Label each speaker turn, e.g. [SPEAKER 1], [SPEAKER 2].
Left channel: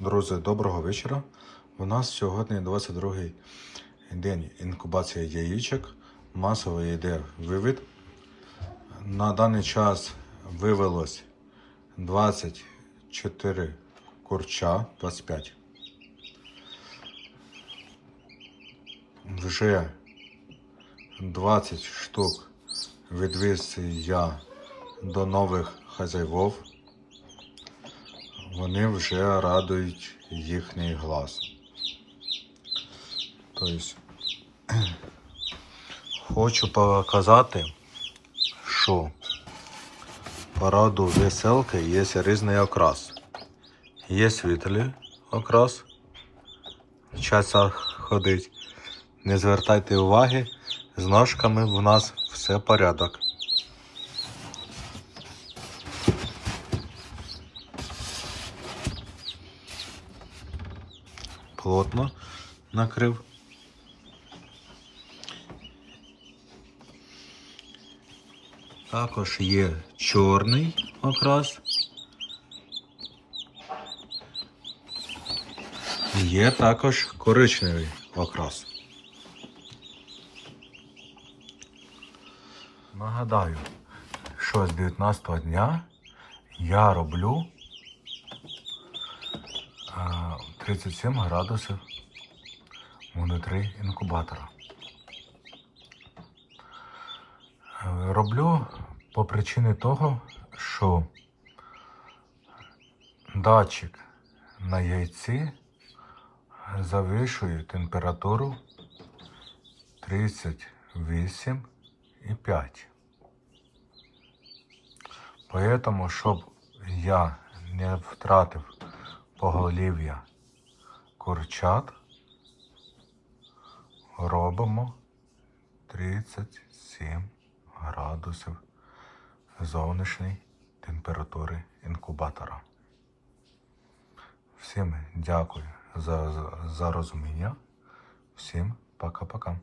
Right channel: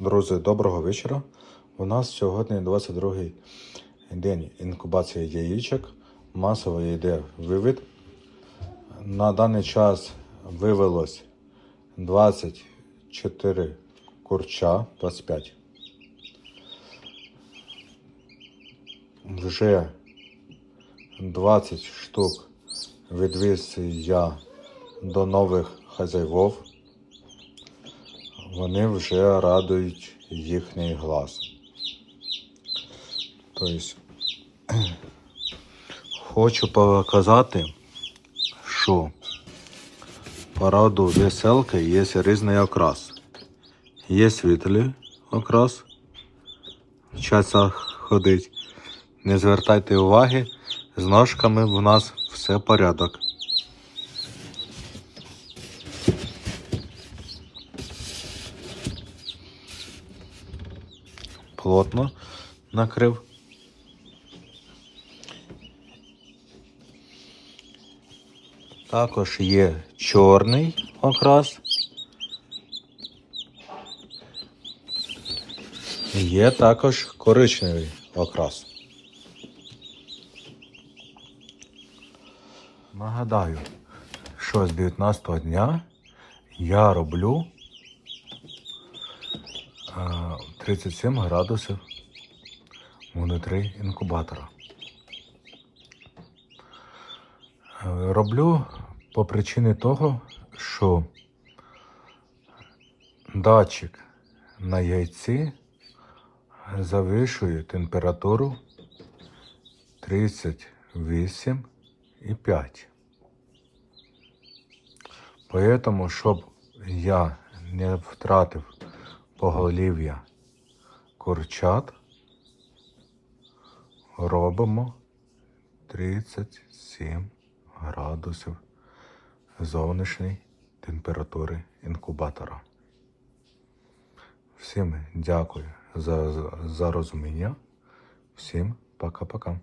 [SPEAKER 1] Друзі, доброго вечора. У нас сьогодні 22-й день інкубації яєчок. Масово йде вивід. На даний час вивелось 24 курча, 25. Вже 20 штук відвіз я до нових хазяїв вони вже радують їхній глаз. Тобто, хочу показати, що пораду веселки є різний окрас. Є світлий окрас, часа ходить. Не звертайте уваги, з ножками в нас все порядок. Плотно накрив. Також є чорний окрас. Є також коричневий окрас. Нагадаю, що з 19 дня я роблю 37 градусів внутрі інкубатора. Роблю по причині того, що датчик на яйці завищує температуру 38,5. Поэтому, щоб я не втратив поголів'я курчат, робимо 37 градусів зовнішньої температури інкубатора. Всім дякую за, за, розуміння. Всім пока-пока.